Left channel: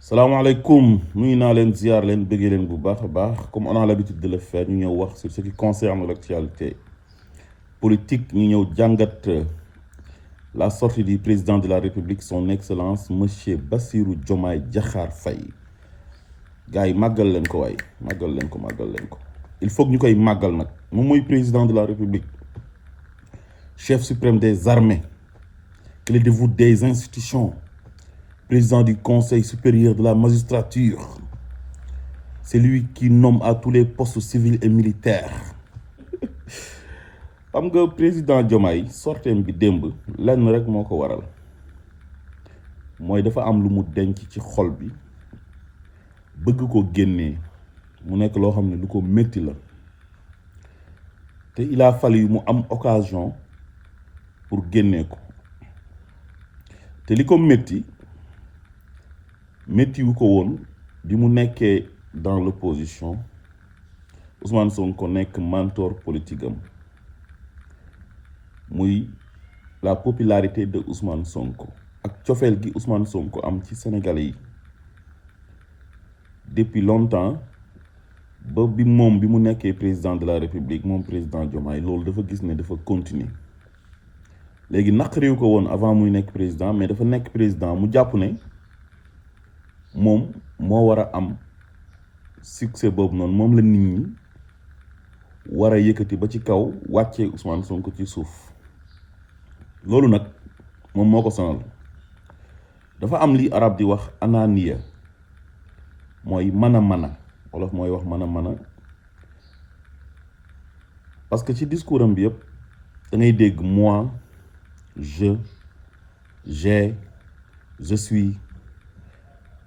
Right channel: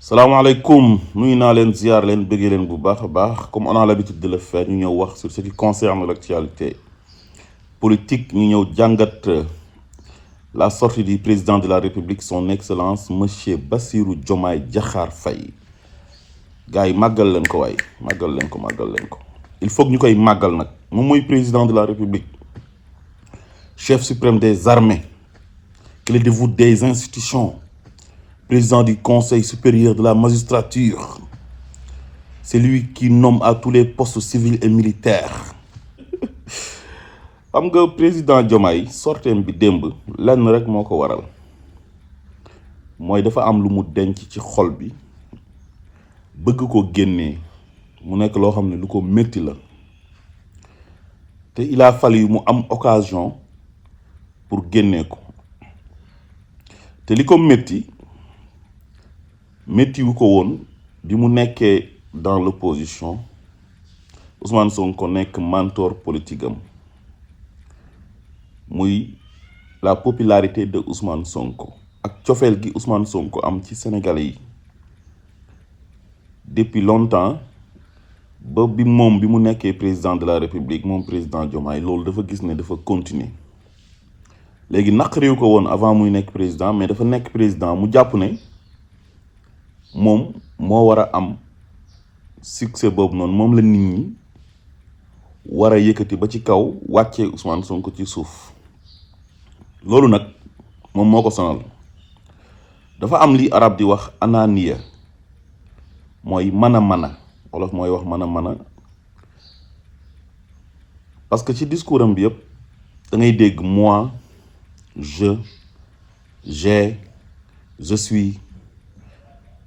Salaamaaleykum nuyu naa leen ziar leen bëggee leen bu baax a baax comme on a l'habitude de le faire ñu ñëw wax sur ce qui concerne l'actualité politique ñu ñëw jàngat la sortie du président de la République son excellence monsieur Bassirou Diomaye Diakhar Faye gars yi màggal leen ko waay màggal leen ko il faut que ñu koy màggal nag moom mooy président de la République chef suprême des armées clé de voûte des institutions, président du Conseil supérieur de la magistrature, c'est lui qui nomme à tous les postes civils et militaires. xam nga président Diomaye sorteem bi démb lenn rek moo ko waral mooy dafa am lu mu denc ci xol bi bëgg ko génnee mu nekk loo xam ne lu ko métti la te il a fallu mu am occasion pour génnee ko te li ko métti wu ko woon bi mu nekkee dans l'opposition Ousmane Sonko nekk mentor politique am muy la popularité de Ousmane Sonko ak cofeel gi Ousmane Sonko am ci Sénégalais yi depuis longtemps ba bi mu nekkee président de la République moom président Diomaye loolu dafa gis ne dafa continuer léegi naqariw ko woon avant muy nekk président mais dafa nekk président mu jàpp ne moom moo war a am succès boobu noonu moom la nit ñi war a yëkkati ba ci kaw wàccee Ousmane Sonko ci suuf loolu nag moom moo ko sonal dafa am li arab di wax ananiya mooy mën wolof mooy wax mën parce que ci discours am bi yëpp da ngay dégg moi j'ai je suis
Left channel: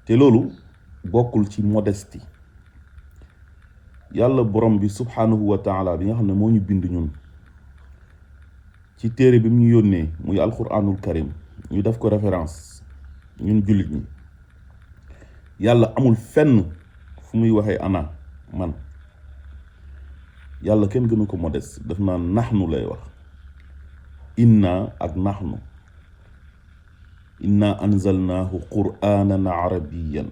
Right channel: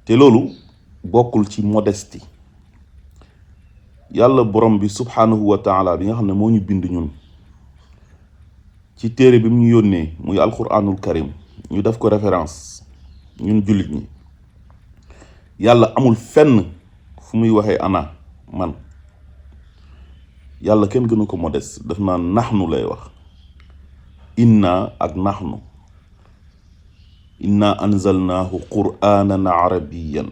te loolu bokkul ci modestie yàlla borom bi subhanahu wa taala bi nga xam ne moo ñu bind ñun ci téere bi mu ñu yónnee muy alquranul karim ñu def ko référence ñun jullit ñi yàlla amul fenn fu muy waxee ana man yàlla kenn gënu ko modeste daf naa naxnu lay wax inna ak naxnu inna anzalnaahu qur'aanan arabiyyan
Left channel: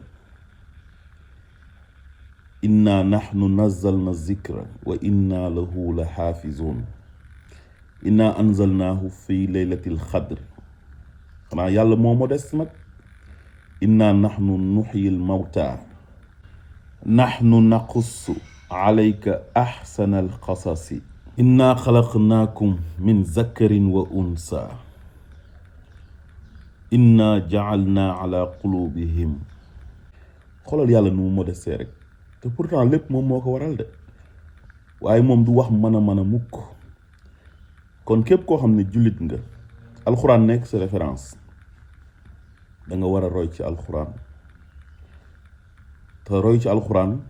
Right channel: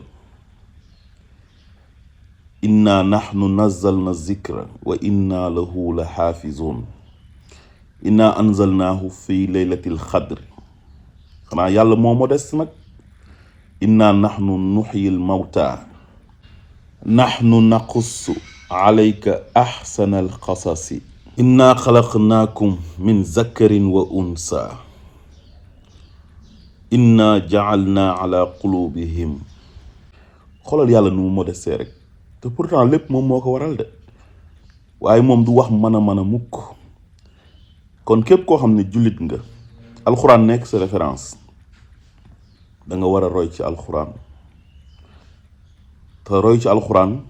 inna naxnu nazzalna zikra wa inna lahu la xaafizuun inna anzalnaahu fi laylatil xadri xanaa yàlla moo modeste nag inna naxnu nuxyil mawta naxnu naqussu alayka axsanal qasasi inna xalaqnaakum min zakarin wa unsa inna ja'alna ala qulubihim xoolal yàlla nu mu modeste rek te pourtant lépp moom moo ko waral de waaye moom du wax mën a mukk kon képp koo xam ne jullit nga alxuraan nekk sa référence da nga war a roy ci alxuraan te roy ci alxuraan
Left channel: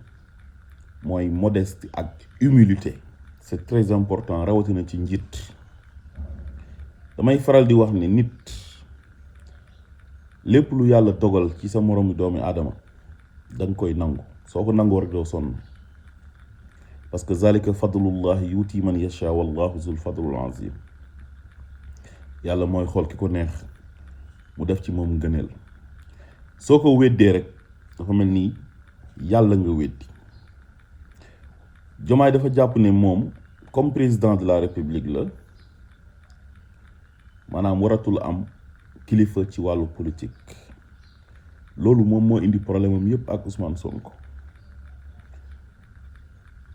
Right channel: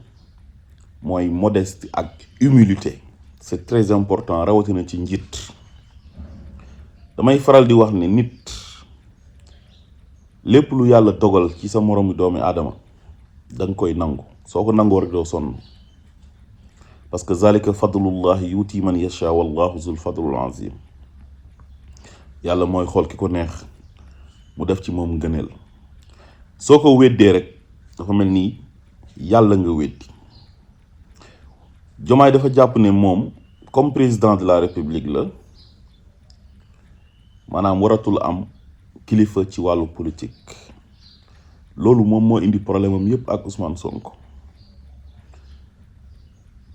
mooy modestie ak humilité c'est très important rawatina ci njiit damay faral di wax ne nit lépp lu yàlla dogal ci sa moroomu doomi aadama da nga koy nangu soo ko nangoo rek doo sonn parce que zalika fadlullahi yuti man yasha wallahu zul fadlul azim yàlla mooy xool ki ko neex mu def ci moom ngëneel soo ko weddee rek dafa mel ni yàlla nga weddi Diomaye dafa jàpp ne moom comme président de la république la maanaam waratul am kilifa ci wàllu politique loolu moom moo indi problème am yépp ak Ousmane Sonko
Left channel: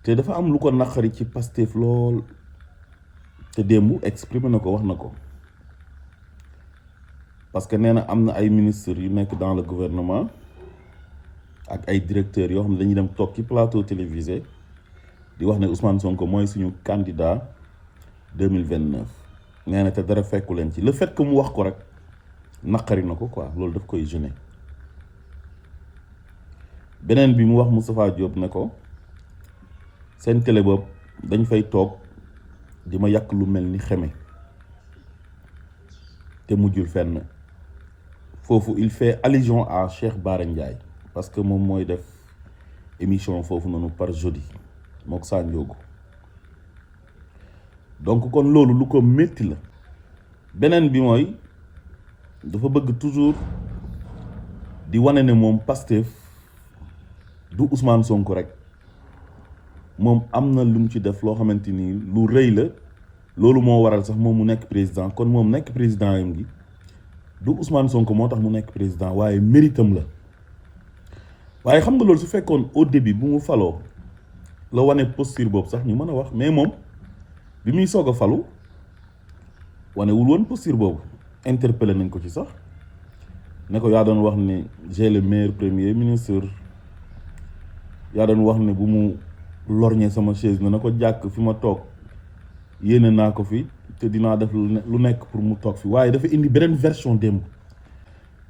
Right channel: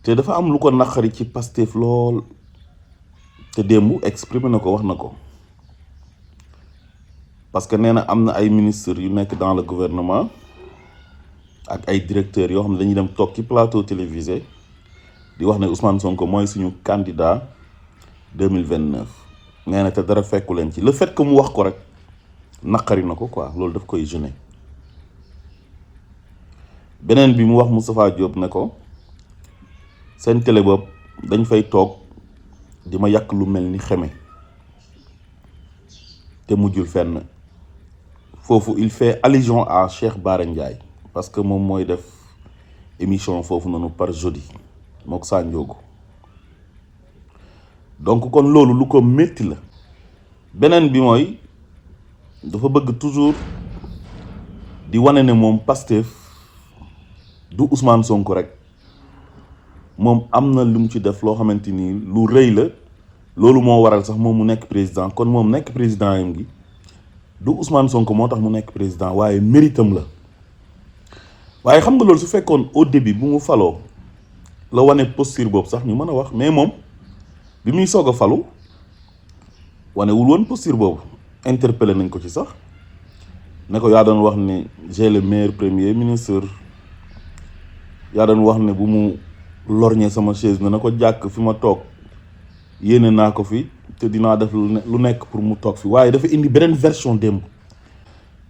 te dafa am lu ko naqari ci Pastef lool te démb exprimé na ko wax na ko parce que nee na am na ay ministres yu nekk dans le gouvernement ak ay directeurs yoo xam ne dañuy dem toog ci plateau télévisé di wax ne Ousmane Sonko mooy suñu candidat 2029 nee na te dara fekku leen ci le fait que mu wax ko rek naqari na ko quoi loolu daf koy gêner beneen bi mu wax Moustapha Diop ne ko seen télé bopp dañ fay toog di ma yàq lu mel ni xeme te mujjul fenn foofu il fait allusion à Cheikh Bara Ndiaye parce que moom mooy def émission foofu noonu par jeudi mook Sanjoogu donc kon loolu lu ko métti la beneen bi mooy dafa bëgg toujours di wane ne moom Pastef du Ousmane Sonko rek moom am na lu mu ci def loo xamante ni lu rëy la loolu moo waral sax moom mu nekk président kon moom nekk président yam gi du Ousmane Sonko moo tax mu nekk président waaye méritam la waaye xam nga loolu su fekkoon au début bu mu faloo la wane posture boobu sax ñu mën a wax mais moom bi muy soog a falu wanewul woon posture boobu interpellé nañ ko ci sax ne ko yaa doon wax ne j'ai le meilleur premier ministre yaa doon wax ne bu mu lorñee sama chaise na ko jàkk fi ma toog yéene naa ko fi te dinaa def lu nekk pour mu toog fi waaye dafa indi beneen version démb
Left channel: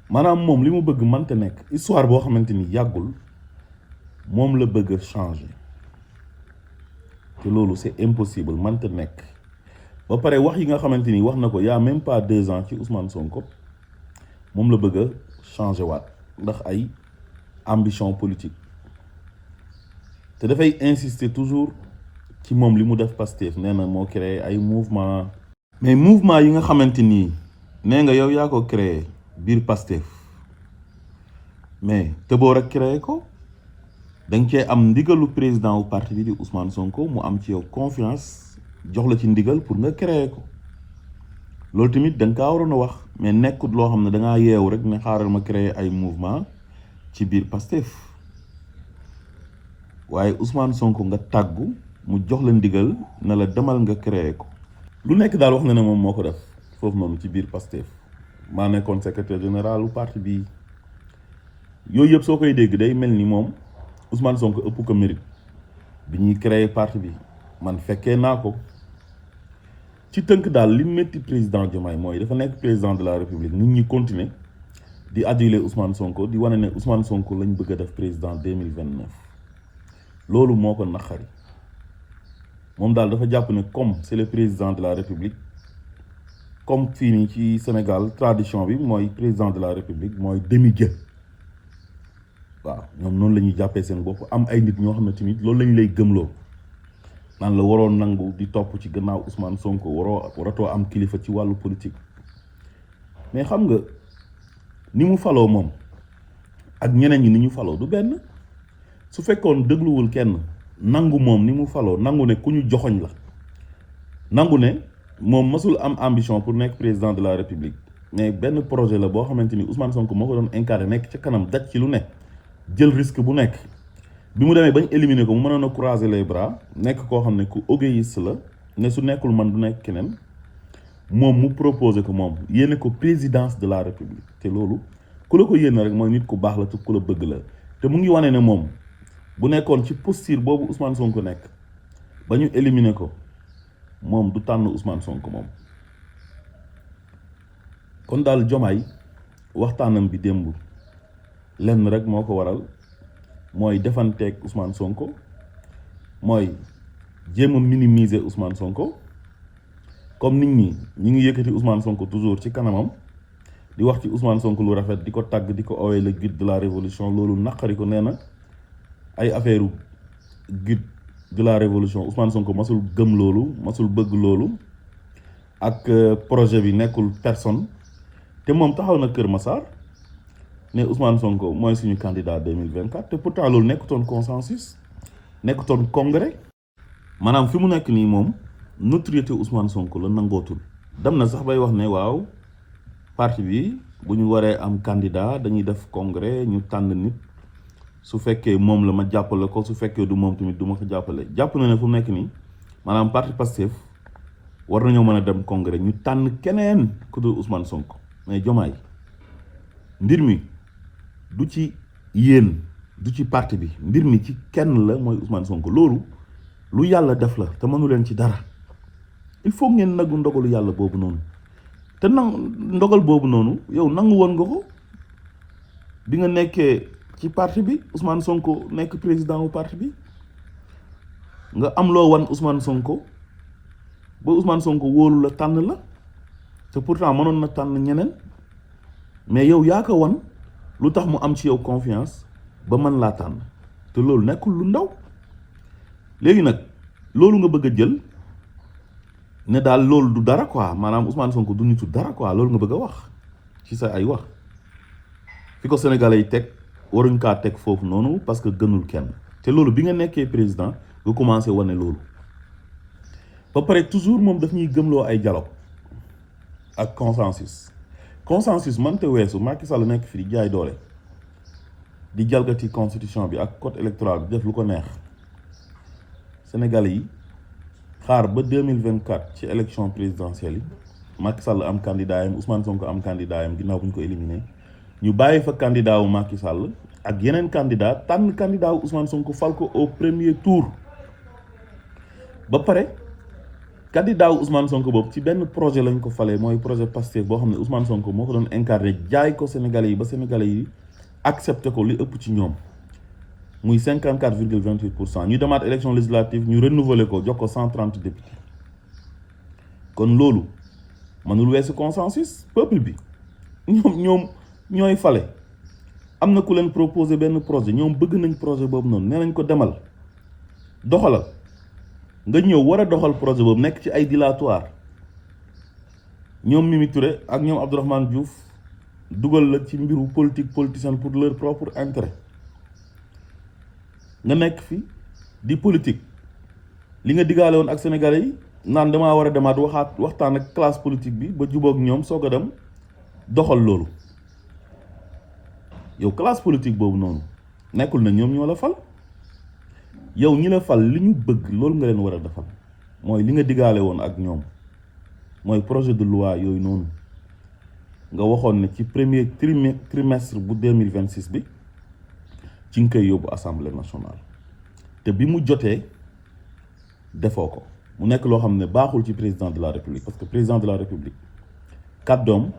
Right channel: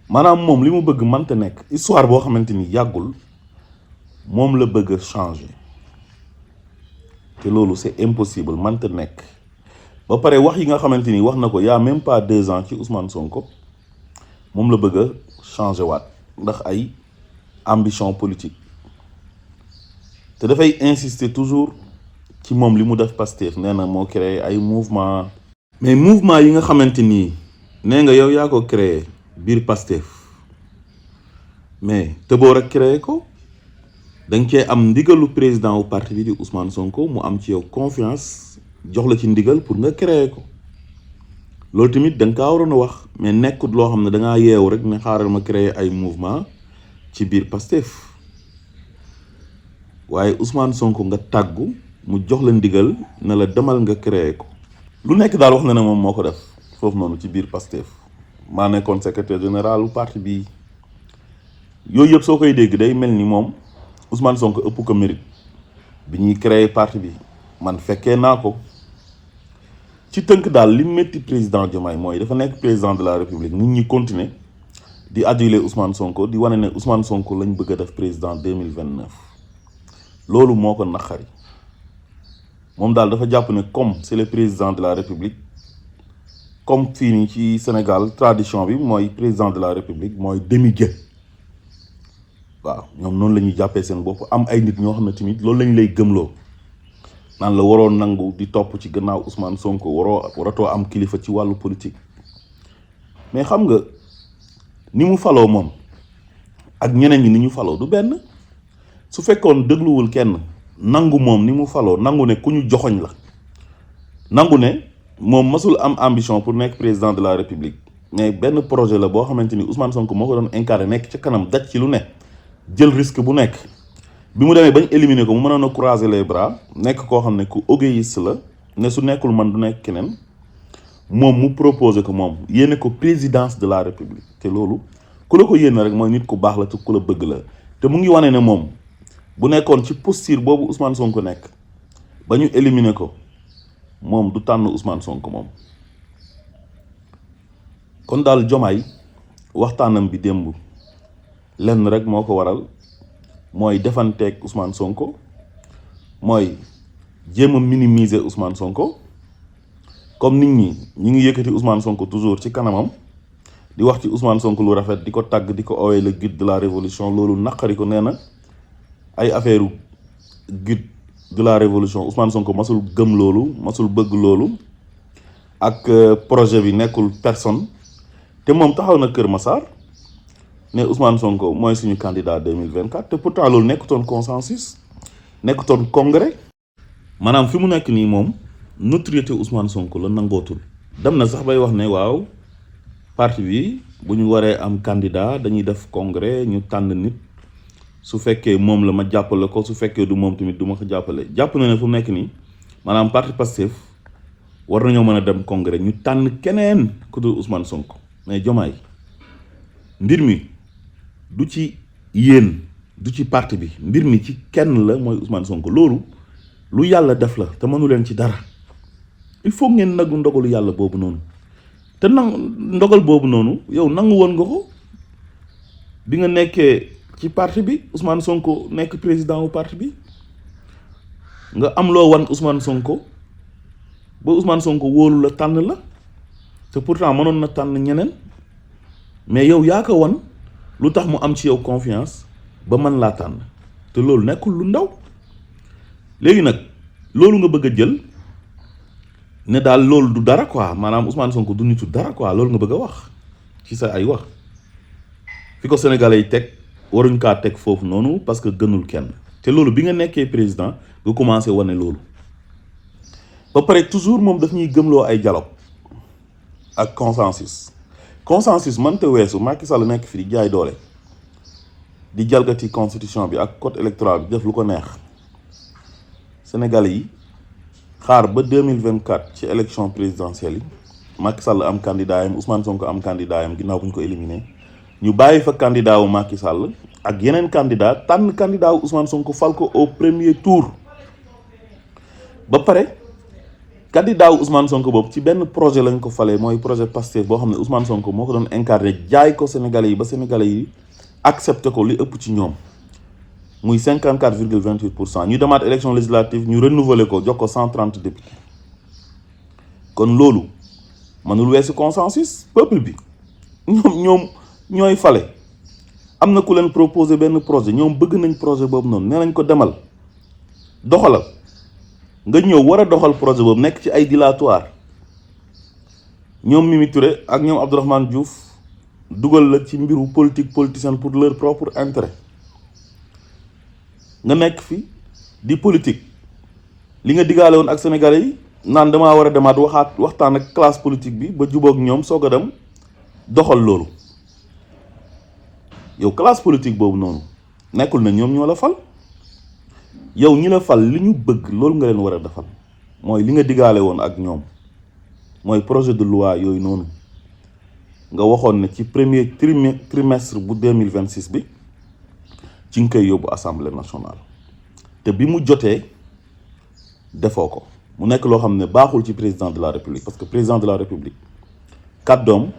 maanaam moom li mu bëgg mënta nekk histoire boo xamante ni yàggul moom la bëgg a changer te loolu c'est impossible mënta nekk ba pare wax yi nga xamante ni wax na ko y a même pas 2 ans ci Ousmane Sonko moom la bëgg a changer waat ndax ay ambition politique te dafay insister toujours ci moom li mu def Pastef nee na moo créé ay mouvement mais mouvement yi nga xamante ni nee nga yow yaa ko créé biir Pastef mais tëboo rek créé ko da nga cee am ndigalu président wu parti bi di Ousmane Sonko mu am ci yow confiance jox la ci ndigal pour nga créé ko loolu tamit da nga kaa waroon a wax mais nekkut loo xam ne da ngaa yeewu rek ne xaaral ma créé ay mouvement ci biir Pastef waaye Ousmane Sonko nga tàggu mu jox la ndigal na la demal nga créé ko lu nekk daal wax na ne moom moo ko def foofu noonu ci biir Pastef maa nekkoon secrétaire général u parti bi yooyu yëpp soo koy dégg day mel ni moom Ousmane Sonko ëpp ko mérite bi ñuy créé parti bi man fekkee naa ko ci tënk daal li métti président Diomaye mooy dafa nekk président de la République nit ñi continuer di aduler Ousmane Sonko di wane ne Ousmane Sonko lañ bëgg a def président 2029 loolu moo ko naqari moom daal dafa jàpp ne comme c'est le président de la République comme fii nii ci Sénégal tradition bi mooy président de la République mooy demi-dieu waaw ñoom noonu la ñuy jàppee seen bopp am ay nit ñoo xam ne tamit loolu lañ lay gëmloo naan la waroo nangu di topp ci gannaaw Ousmane Sonko waratoo am kilifa ci wàllu politique mais xam nga ni mu faloo moom ak ñeneen ñi ni ñu faloo du benn su fekkoon dégluwul kenn nangu moom ni mu faloo nangu ne ku ñu joxoñ la nangu ne moom masul am ambition pour nekk président de la République mais benn projet la boo xamante ni Ousmane Sonko moo ko doon incarné nekk ci kanam daj ci lu ne jël risque bu nekk bi mu demee bañ éliminer ko mu mënoon a croiser les bras nekk koo xam ne ku égoïste la ne su nekkul man du nekk keneen moom mu proposé ko moom yéene ko présidence de la République te loolu ku la ko yéene rek mooy nit ku baax la te ku la bëgg la te mu ngi wane ne moom bu nekkoon ci posture boobu Ousmane Sonko nekk ba ñu éliminer ko moom du tànn Ousmane Sonko moom kon daal Diomaye waxtaanam bi démb lenn rek moo ko waral mooy defanteeg Ousmane Sonko mooy jéem a minimiser Ousmane Sonko comme nit ñi ñu ngi yëkkati Ousmane Sonko toujours ci kanamam di wax ci Ousmane Sonko lu rafet di ko tàgg di ko owee le guide de la révolution loolu naqari ko nee na ay affaire guide de la révolution Ousmane Sonko masul gëm loolu masul bëgg loolu ak projet bi nekkul personne te moom taxaw na Kër Massar ne Ousmane Sonko mooy suñu candidat 2024 te pourtant loolu nekkutoon consensus nekkutoon congrès maanaam fi mu nekk nii moom notoriété Ousmane Sonko la nangootul dem na sax bay wax ne waaw parti bi bu ñu waree am candidat dañuy def congrès ñu tànn nit su fekkee moom la ma jàppale ko su fekkee du moom tamit du ma ko jàppale jàpp na ne fu mu nekk nii maanaam parti Pastef war nañoo mën a dem congrès ñu tànn keneen ku dul Ousmane Sonko mais Diomaye mbir mi du ci yéen du ci parti bi mbir mi ci kenn la mooy Ousmane Sonko loolu lu yàlla def la te mënu leen ci dara il faut ngeen nagu ndogalu yàlla boobu noonu te ndogal boobu noonu yow nangu woon nga ko bi nga nekkee ci parti bi Ousmane Sonko nekk président wu parti bi nga am loo wan Ousmane Sonko ba Ousmane Sonko wóolu la tànn la te pourtant mënoon na tànn ñeneen mais yow yaa ko wan lu tax mu am ci yow confiance ba mën laa tànn te loolu nekkul lu ndaw léegi nag loolu nga bëgg a jël ne daal loolu du dara quoi maanaam Ousmane Sonko du nitu dara quoi loolu nga bëgg a wax ci sa ay wax fi ko sénégalais yi teg waruñ kaa teg foofu noonu parce que gënul kenn te loolu bi nga nekkee président nga commencé wane loolu ba pare toujours moom daf ñuy gëmloo ay dialogue ak consensus mënta weesu Macky Sall nekk fi di jaay doole di jalgati constitution bi ak code électoral bi def lu ko neex sénégalais yi xaar ba 2024 ci élection présidentielle yi Macky Sall am candidat yam Ousmane Sonko am candidat yam ginnaaw bu ñu ko éliminé ñu bàyyi fa candidat wu Macky Sall ak yeneen candidat tànn candidat wu Ousmane Sonko fal ko au premier tour ba pare candidat wu Ousmane Sonko boobu ci benn projet lañ ko falee mooy projet Pastef boo xam ne Ousmane Sonko moo ko doon incarné jaay ko sénégalais yi ba sénégalais yi accepté ko li ëpp ci ñoom muy 54,28%. ñu demaat élection législative ñu renouveler ko jox ko 130 députés kon loolu mënul weesu consensus peuple bi ñoom ñooy fale am na ku leen proposé benn projet ñoom bëgg nañ projet boobu noonu nee nañ ko demal doxalal nga ñëw war a doxal projet boobu nekk ci ay dilatoire ñoom Mimi Touré ak ñoom Abdourahmane Diouf dugal la ci mbiru politicienne pour leur propre intérêt nga nekk fi di politique li nga digaale woon ak sénégalais yi naan damaa war a demaat waxtaan ak classe politique bi ba jubóog ñoom soog a dem doxal loolu yow classe politique boobu noonu nekkul na ñoom ñoo la fal yow ñi la fal li ñu bëgg loolu nga leen war a defal mooy li nga digaale woon ak ñoom mooy projet de loi yooyu noonu nga waxoon ne ci premier trimestre bu 2026 bi ci nga koy yóbbu assemblée nationale te bi mu jotee defoo ko mu nekk loo xam ne baaxul ci président de la république parce que président de la république kàddoom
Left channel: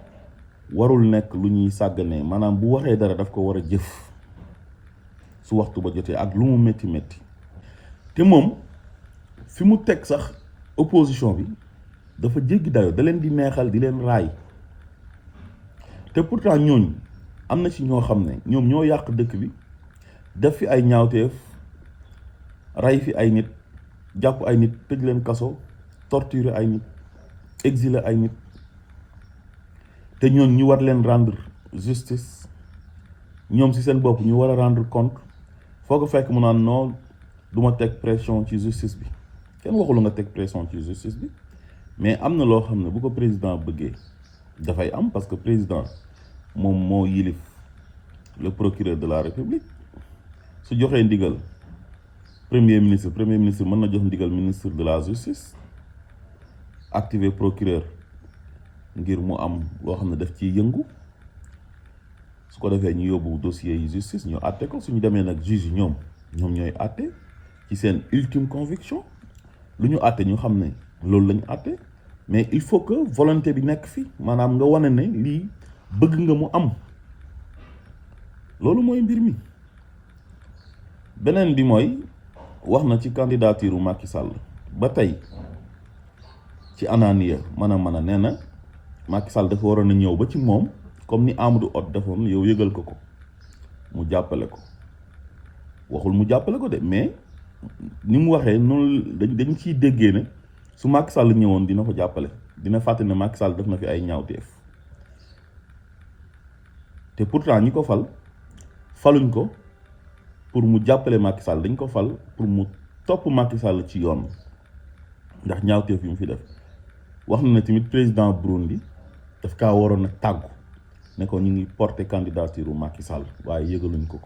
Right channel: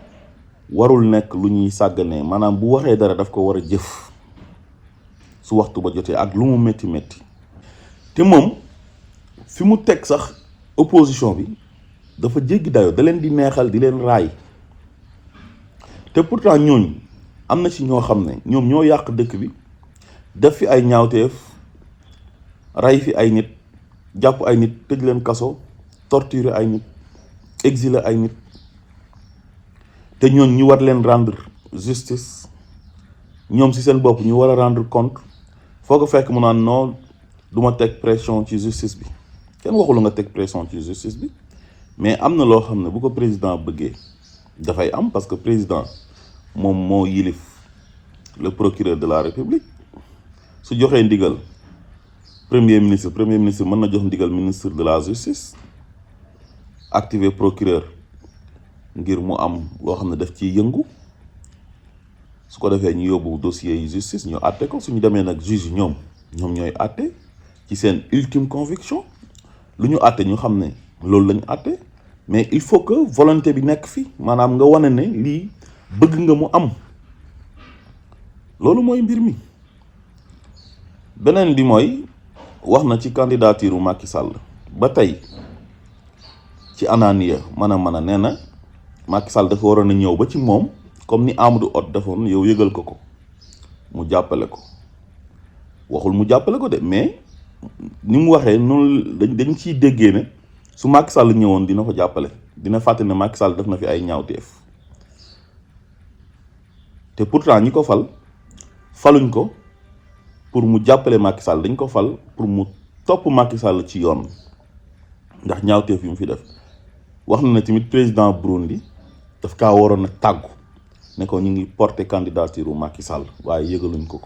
warul nekk lu ñuy sàgganee maanaam bu waxee dara daf ko war a jëf su waxtu ba jotee ak lu mu métti métti te moom fi mu teg sax opposition bi dafa jéggi dayoo da leen di neexal di leen raay te pourtant ñooñu am na ci ñoo xam ne ñoom ñoo yàq dëkk bi def fi ay ñaawteef ray fi ay nit jàpp ay nit tëj leen kaso torturer ay nit exiler ay nit te ñooñ ñu war leen rendre justice ñoom ci seen bopp ñu war a rendre compte foo ko fekk mu naan non du ma teg pression ci justice bi kenn waxul nga teg pression ci justice bi mais am na loo xam ne bu ko président bëggee dafay am parce que président moom moo yilif le procureur de la république su joxee ndigal premier ministre mën na jox ndigal ministre de la justice activer procureur ngir mu am loo xam ne daf ciy yëngu su ko defee ñu yóbbu dossier yi justice ñu àtte ko suñu demee nag juge yi ñoom ñooy àtte ci seen ultime conviction lu ñu àtte ñu xam ne loolu lañu àtte mais il faut que volonté bi nekk fi maanaam nga wane ne lii bëgg nga mu am loolu mooy mbir mi beneen bi mooy wax na ci candidature u Macky Sall ba tey ci ananiya mën a nee na Macky Sall dafa waroon a ñëw ba ci moom comme ni Amadou Hott defoon yow yëgal ko mu jàppale ko waxul mu jàppale ko de mais ni mu waxee noonu dañ ciy déggee ne su Macky Sall ñëwoon dina ko jàppale dina fàtte ne Macky Sall def na fi ay ñaawteef te pourtant ñi ko faluñ ko pour mu jàppale Macky Sall dañ ko fal pour mu topp Macky Sall ci yoon ndax ñaawteef yi mu fi def wax na ne tamit président Burundi daf kaa waroon a tàggu ne ko ñu ngi porter candidature u Macky Sall waaye yëgaluñ ko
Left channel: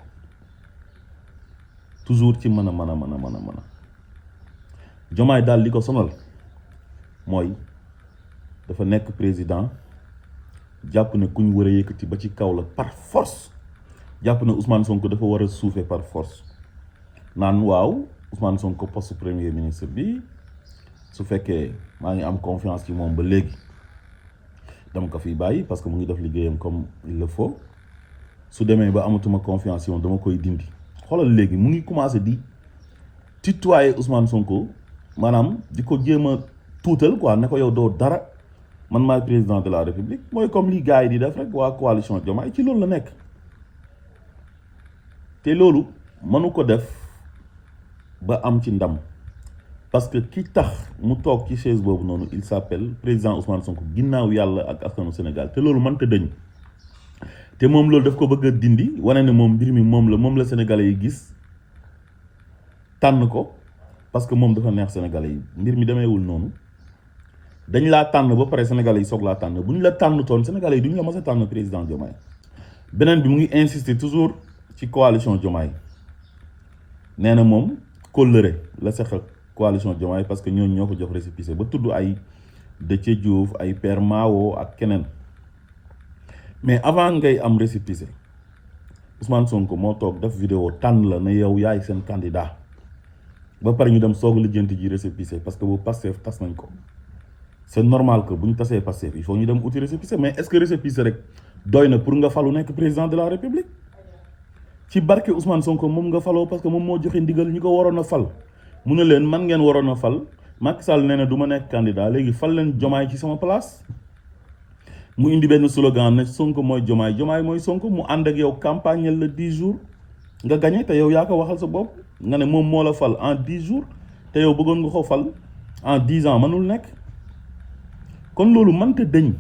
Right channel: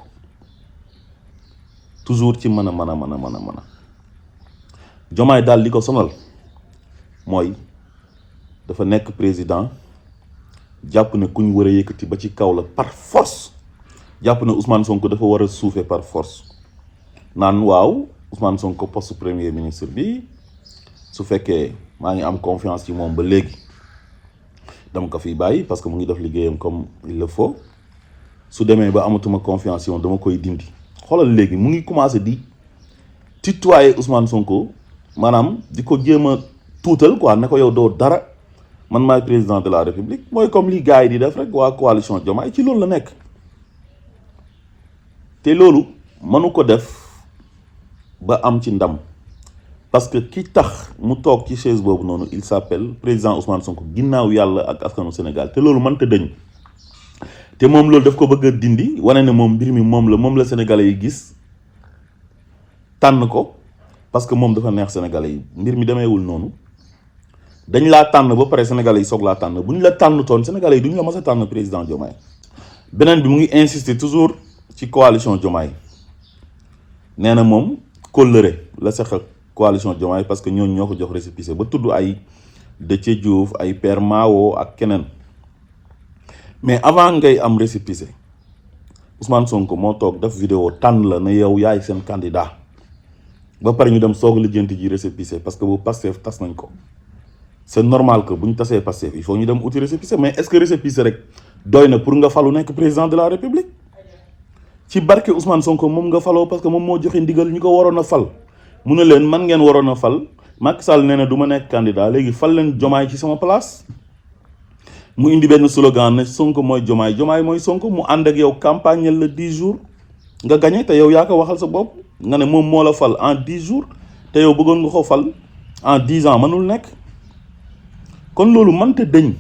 toujours ci mën a Diomaye daal li ko sonal mooy dafa nekk président jàpp ne ku ñu war a yëkkati ba ci kaw la par force jàpp ne Ousmane Sonko dafa war a suufee par force naan waaw Ousmane Sonko poste premier ministre bi su fekkee maa ngi am confiance ci moom ba léegi dama ko fiy bàyyi parce que mu ngi def liggéeyam comme il le faut su demee ba amatuma confiance ci moom dama koy dindi xoolal léegi mu ngi commencé di tutoyer Ousmane Sonko maanaam di ko jéem a tuutal quoi ne ko yow doo dara man maay président de la république mooy comme li gars yi di def rek waa coalition Diomaye ci loolu la nekk te loolu mënu ko def ba am ci ndam parce que ki tax mu toog ci chaise boobu noonu il s'appelle président Ousmane Sonko ginnaaw yàlla ak askanu Sénégal te loolu mënta dëñ te moom loolu daf ko bëgg a dindi wane ne moom mbir mi moom la sénégalais yi gis tànn ko parce que moom dafa neex sénégalais yi. mbir mi demeewul noonu. dañ laa tànn ba pare sénégalais yi soog laa tànn bu ñu la tànn toon sénégalais yi duñu la mës a tànn président Diomaye. beneen bi mu ngi insister toujours ci coalition Diomaye nee na moom kóllëre la seq ak coalition Diomaye parce que ñooñu ñoo ko jox récépissé ba tudd ay Déthié Diouf ay Père Mao ak keneen. mais avant ngay am récépissé Ousmane Sonko moo toog def vidéo tànn la ne yow yaay seen candidat ba pare ñu dem soog lijjanti ji récépissé parce que bu Pastef tas nañ ko. c'est normal que bu ñu tasee Pastef il faut ñu dem uti récépissé mais est-ce que récépissé rek doy na pour nga falu nekk président de la république ci barke Ousmane Sonko moom nga faloo parce que moom moo joxe ndigal ñu ko waroon a fal mu ne leen man ngeen waroon a fal Macky Sall nee na du ma nekk candidat léegi fal leen Diomaye ci sama place. mu indi benn slogan ne Sonko mooy Diomaye Diomaye mooy Sonko mu ànd ak yow campagne la 10 jours nga gagné te yow yaa ko waxal sa bopp nga ne moom moo la fal en 10 jours te yow bëggoon nga ko fal en 10 ans mënul nekk. kon loolu mënta dëñ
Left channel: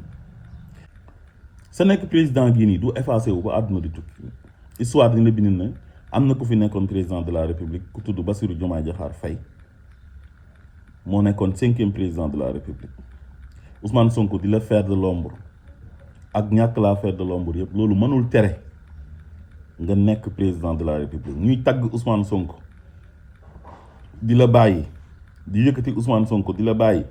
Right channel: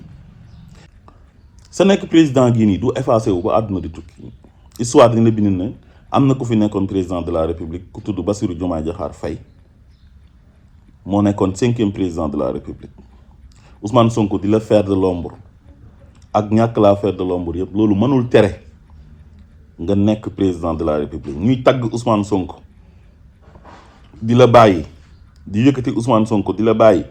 sa nekk président gii nii du effacé wu ba àdduna di tukki histoire dina bind ne am na ku fi nekkoon président de la république ku tudd Bassirou Diomaye Diakhar Faye moo nekkoon 5e président de la république Ousmane Sonko di la faire de l'ombre ak ñàkk laa faire de l'ombre yëpp loolu mënul tere nga nekk président de la république ñuy tagg Ousmane Sonko di la bàyyi di yëkkati Ousmane Sonko di la bàyyi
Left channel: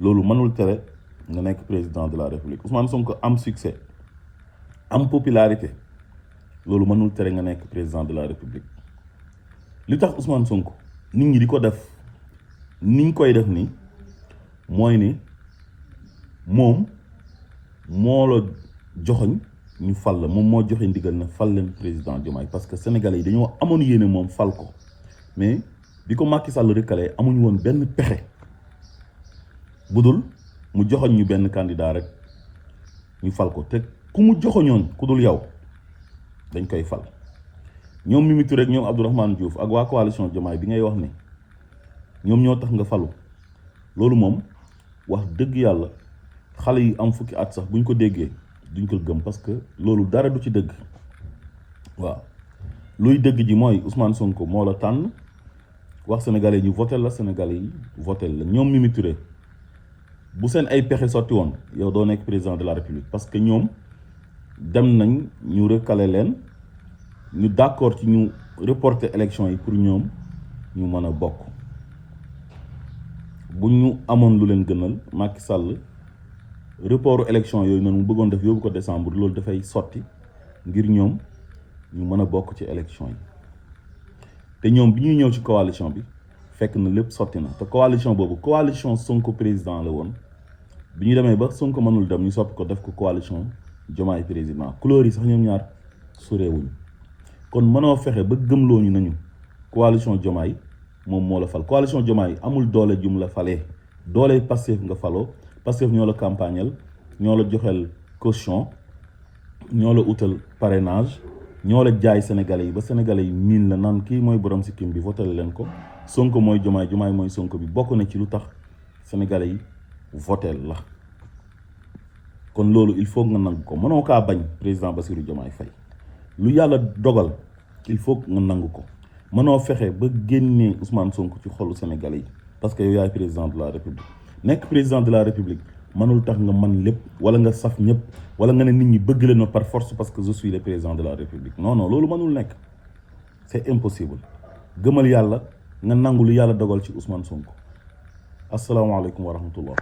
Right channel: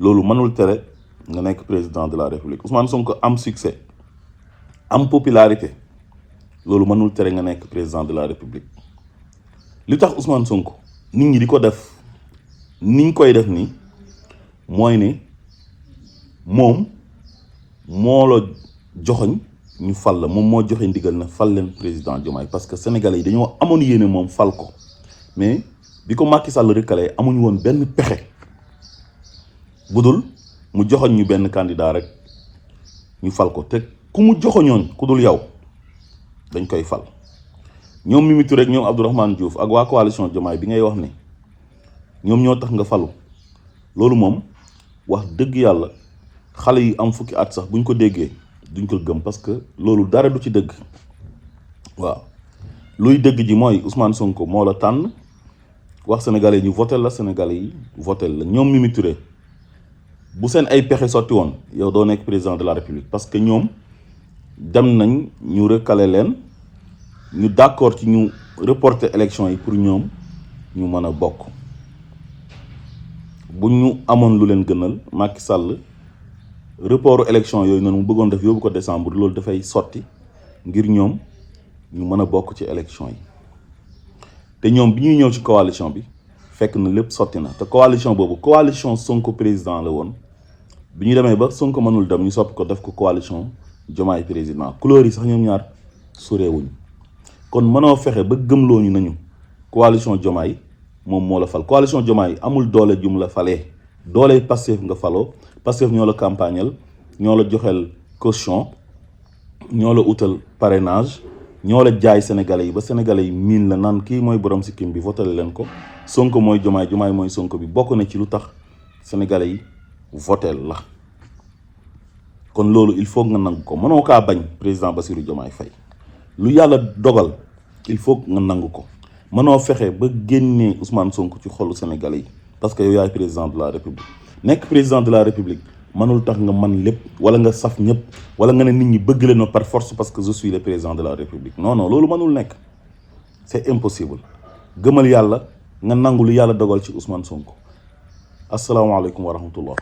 loolu mënul tere nga nekk président de la république Ousmane Sonko am succès am popularité loolu mënul tere nga nekk président de la république li tax Ousmane Sonko nit ñi di ko def niñ koy def nii mooy ne moom moo la joxoñ ñu fal la moom moo joxe ndigal na fal leen président Diomaye parce que sénégalais yi dañoo amoon yéene moom fal ko mais bi ko Macky Sall recalé amuñu woon benn pexe budul mu joxoñ ñu benn candidat rek ñu fal ko te ku mu joxoñoon ku dul yow dañ koy fal ñoom Mimi Touré rek ñoom Abdourahmane Diouf ak waa coalition Diomaye bi ngay wax ni ñoom ñoo tax nga falu loolu moom wax dëgg yàlla xale yi am fukki at sax buñ ko déggee duñ ko gëm parce que loolu dara du ci dëgg. waaw luy dëgg ji mooy Ousmane Sonko moo la tànn wax sénégalais yi ñu voté la sénégalais yi voté la ñoom Mimi Touré bu seen ay pexe sotti woon yow doo nekk président de la république parce que ñoom dem nañ ñu recalé leen ñu d'accord ci ñu reporter élection yi pour ñoom ñu mën a bokk. bu ñu amoon lu leen gënal Macky Sall reportu élection yooyu noonu mu bëggoon def yóbbu ko décembre loolu dafay sotti ngir ñoom ñu mën a bokk ci élection yi te ñoom bi ñuy ñëw ci coalition bi fekk na lépp sotti na te coalition boobu coalition Sonko président la woon bi ñu demee ba Sonko mënul dem ñu soppi ko def ko coalition Diomaye président couleur yi sax ñoom ñaar sorewuñ kon mënoo fexe ba gëmloo ñu nañu coalition Diomaye moom moo la fal coalition Diomaye amul doole jum la falee doole Pastef nga faloo Pastef ñoo la campagnal ñoo la joxel caution ñoo la utal parrainage ñoo la jaay sénégalais yi ba sénégalais yi miin la naan kii mooy borom sikkim bi voté leen ko Sonko mooy Diomaye Diomaye mooy Sonko bi bokk na ci lu tax sénégalais yi voté la kon loolu il faut nga nangu ko mënoo kaa bañ président Bassirou Diomaye Faye lu yàlla dogal il faut nga nangu ko mënoo fexe ba génnee Ousmane Sonko ci xolu sénégalais yi parce que yow yaay président de la république nekk président de la république mënul tax nga man lépp wala nga saf ñëpp wala nga ne nit ñi bëgg leen par force parce que je suis le président de la république non non loolu mënul nekk c'est impossible gëmal yàlla nga nangu lu yàlla dogal ci Ousmane Sonko asalaamaaleykum wa rahmatullah